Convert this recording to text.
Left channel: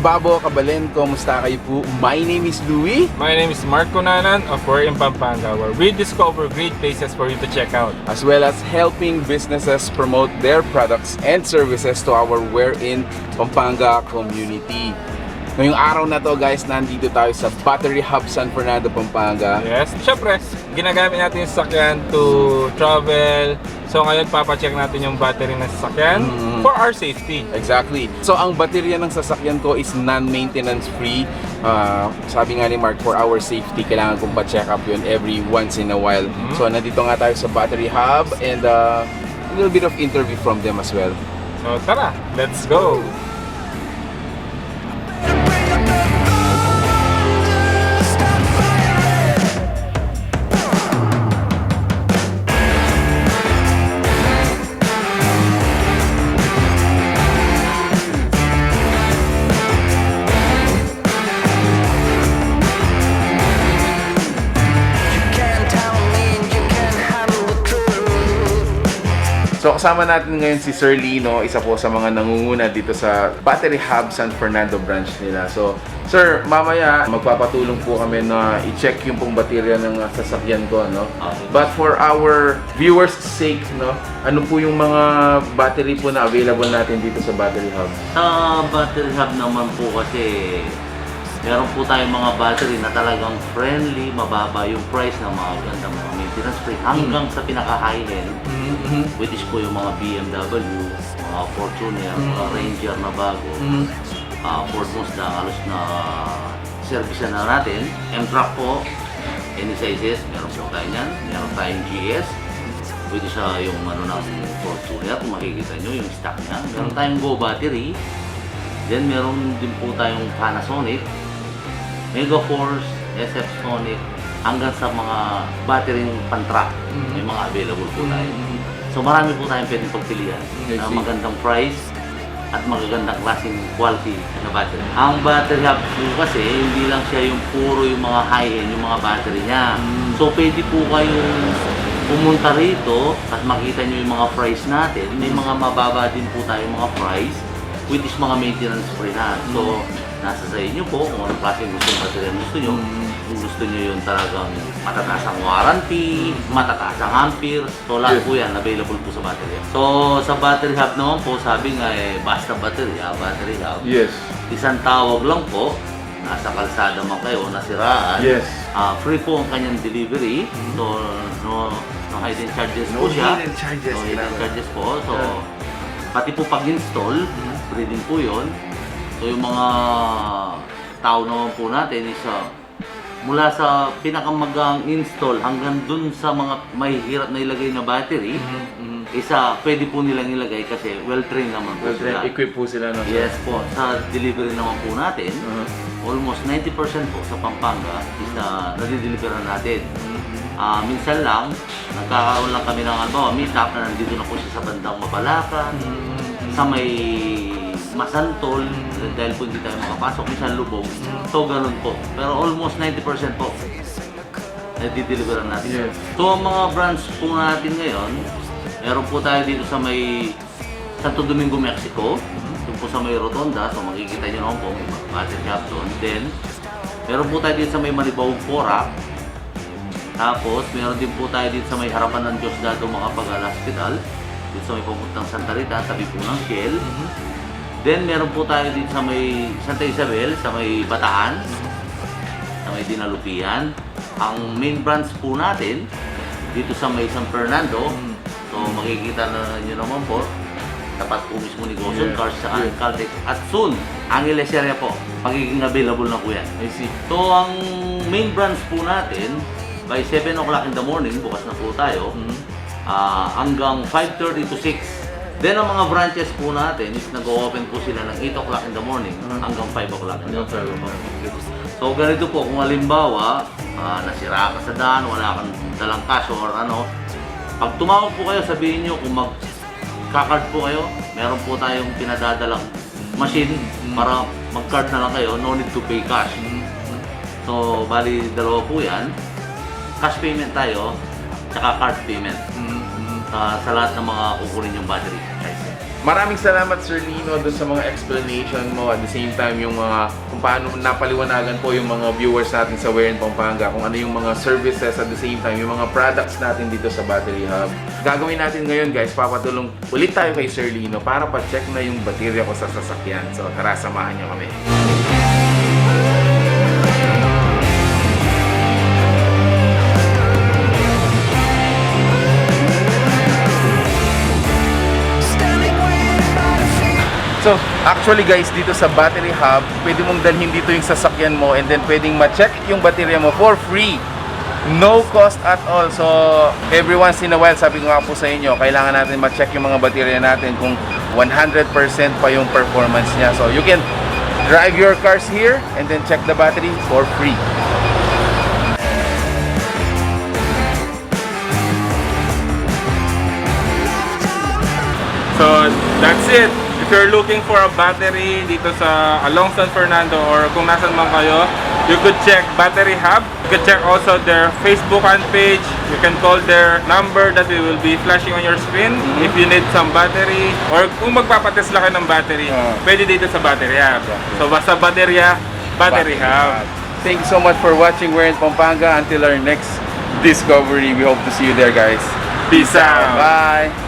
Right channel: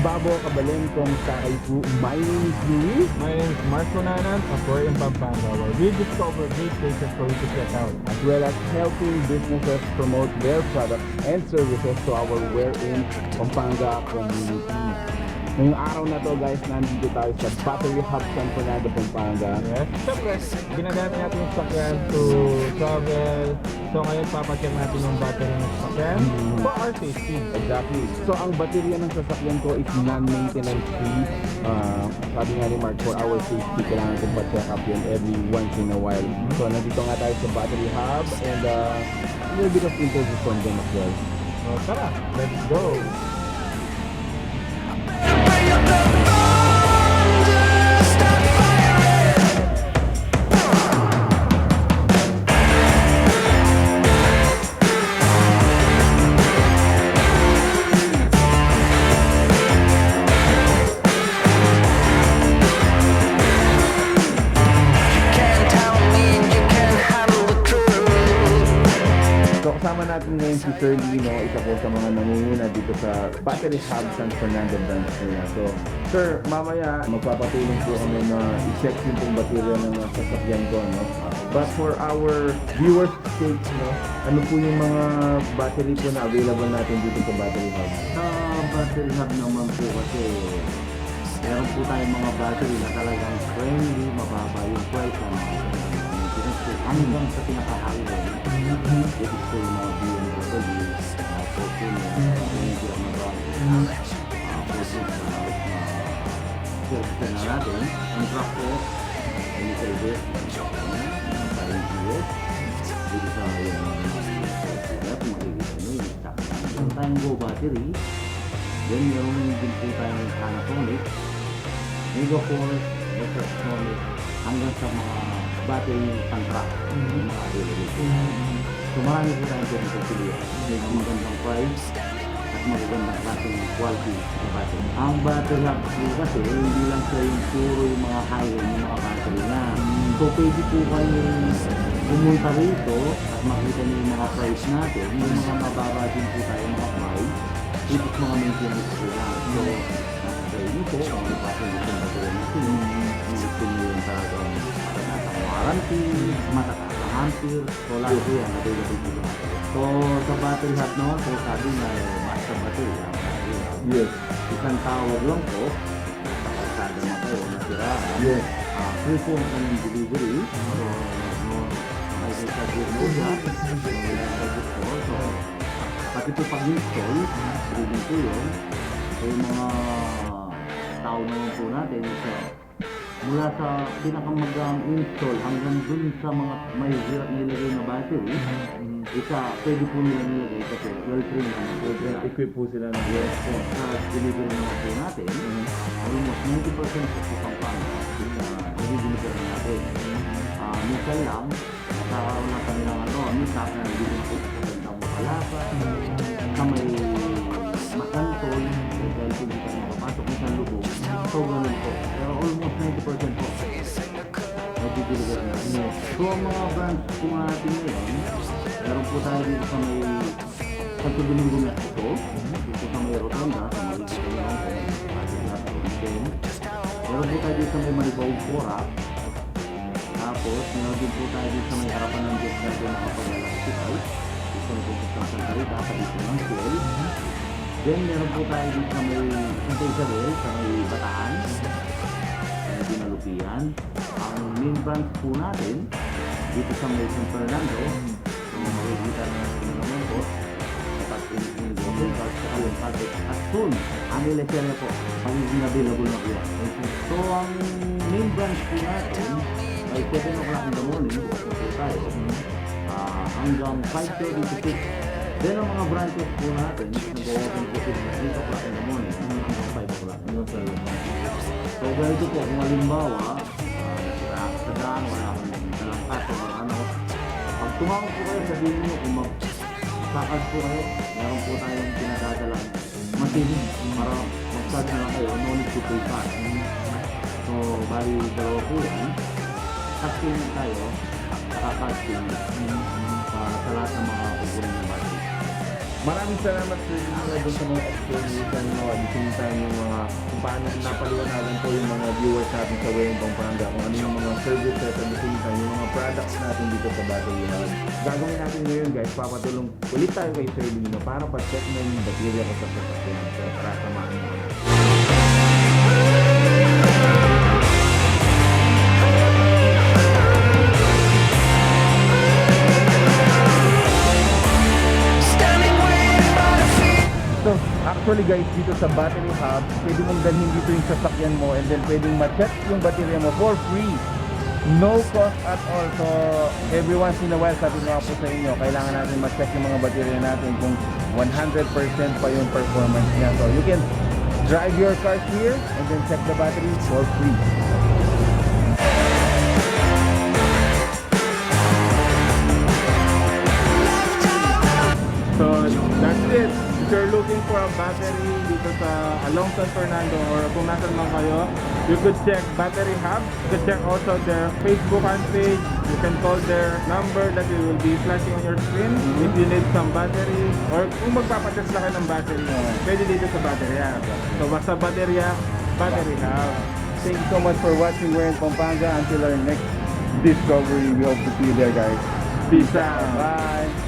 Babo Kabalen, kumusta kayo po? My name is Louie. My name is Mark Conanan of We're in Pampanga, where we discover great places for you to check out. As well as helping businesses promote their products and services to our We're in Pampanga community. Ngayong araw na to guys, nandito tayo sa Battery Hub San Fernando, Pampanga. Yes, syempre, ginagamit natin yung sasakyan to travel. So ngayon, papacheck natin yung battery ng sasakyan for our safety. Exactly. So ang baterya ng sasakyan ko is non-maintenance free. Sabi nga ni Mark, for our safety, kailangan kong pa-check up yun every once in a while. So nandito nga tayo sa Battery Hub and a little bit of interview from them as well. So tara, let's go! So kasama natin ngayon si Sir Lino, isa po sa mga nangunguna dito sa Battery Hub San Fernando branch nila. So Sir, mamaya magpapatulong po kami na i-check yung pong baterya ng sasakyan ko, no? But for our viewers' sake, no, ano po yung mga battery po na available natin dito sa Battery Hub? Sa Battery Hub naman po kasi meron po tayong mga battery na talagang friendly, mababa yung price ng mga ganda, mga maintenance free hanggang sa pinaka-high end, which is po yung mga BMW, mga Fortuner, mga Ranger na bago, Fortunes na halos na service na natin. M-Truck po, any sizes, meron po tayo yan. Meron tayong GS, which is yung ano natin, Fortuner, kung makikita nyo yung stock niya. Meron tayong Go Battery, then meron din po tayong Panasonic, Mega Force, SF Sonic, hanggang sa mga battery pan-truck, yung mga available po tayo. So marami po tayong pwedeng pagpilihan na magandang price at magagandang klaseng quality na battery. Ang Battery Hub po kasi, hindi lang siya yung puro yung mga high-end, yung mga battery niya. So pwede po kayong pumunta rito at makita nyo yung mga price natin. May mga mababa din po tayo mga price, which is mga maintenance free na. So nasa sa inyo po kung anong klaseng gustong battery gusto nyo. Kung gusto nyo yung talagang matataas ang warranty, matataas ang ampere, so lahat po yan available po sa battery. So sa Battery Hub naman po, sabi nga basta Battery Hub. Yes. Isang tawag lang po, nasa kalsada man kayo, nasiraan. Yes. Free po ang kanyang delivery. So no hidden charges po siya. No hidden charges po. So pati po pag-install, free din po yun. So yung mga tao naman po natin is mula sa pinakamagang install hanggang dun sa mga mahihirap na ilagay na battery, pwede po nilang ilagay kasi well-trained naman po sila. Equip po sila, no? Yes po, sa delivery naman po natin, almost 90% po sa Pampanga is nadideliveran natin. Minsan lang, nagkakaroon lang kami ng meet-up na nandito na po siya sa bandang Mapalaka, sa may Masantol, dahil po hindi tayo makapasok, minsan Lubog. So ganun po. Pero almost 90% po nadideliveran natin. Yes. So ang mga branch po natin ngayon, meron po tayo dito sa may Santo Domingo, Mexico. Doon po sa may Rotonda, so makikita nyo naman po, Battery Hub doon. Then, meron po tayo dito sa may Manibao, Porac. Tapos, meron din po tayo dito sa may harapan ng Diosdado Makapagal Hospital. Dito sa may papuntang Santa Rita, tabi po ng Shell. Then, meron po tayo dito sa may Santa Isabel, sa may Bataan, sa may Dinalupian. Ang main branch po natin, dito sa may San Fernando. So, makikita na nyo naman po, tapat po mismo ni Goshen Cars sa Caltech. At soon, Angeles area po, magiging available na po yan. So, ang main branch po natin, by 7 o'clock in the morning, bukas na po tayo, hanggang 5:30 to 6. Then ang mga branches po natin, nag-open po sila ng 8 o'clock in the morning hanggang 5 o'clock in the morning. So ganito po, kung halimbawa, nasira ka sa daan, wala kang dalang cash or ano, pag tumawag po kayo, sabihin nyo kung mag-card po kayo, meron po tayong pinadadalang machine para mag-card na lang kayo, no need to pay cash. So bali, dalawa po yan. Cash payment tayo, tsaka card payment. Sa lahat ng mga kukunin yung battery. Maraming salamat Sir Lino doon sa mga explanation mo, at the same time yung mga kung paano napaliwanagan po yung mga viewers natin sa Wear in Pampanga, kung ano yung mga services, at the same time yung mga products natin dito sa Battery Hub. Gagawin natin ngayon guys, papatulong ulit tayo kay Sir Lino para pa-check na yung baterya ko sa sasakyan. So tara, samahan niyo kami. So, actually guys, dito sa Battery Hub, pwede mong dalhin dito yung sasakyan mo, and then pwedeng ma-check yung baterya mo for free. No cost at all. So, every once in a while, sabi ko nga po sa inyo, kailangan natin ma-check yung mga baterya natin kung 100% pa yung performance niya. So, you can drive your cars here and then check the battery for free. So, that's it. If you're looking for a battery dito sa along San Fernando or kung nasan man kayo, you could check Battery Hub. You could check also their Facebook fan page. You can call their number that will be flashing on your screen if you need some battery. Or kung magpapatest lang kayo ng battery, pwede dito sa Battery Hub. So basta baterya, Battery Hub. Thank you so much for watching We're in Pampanga. Until our next discovery, we hope to see you there guys. Peace out! Bye!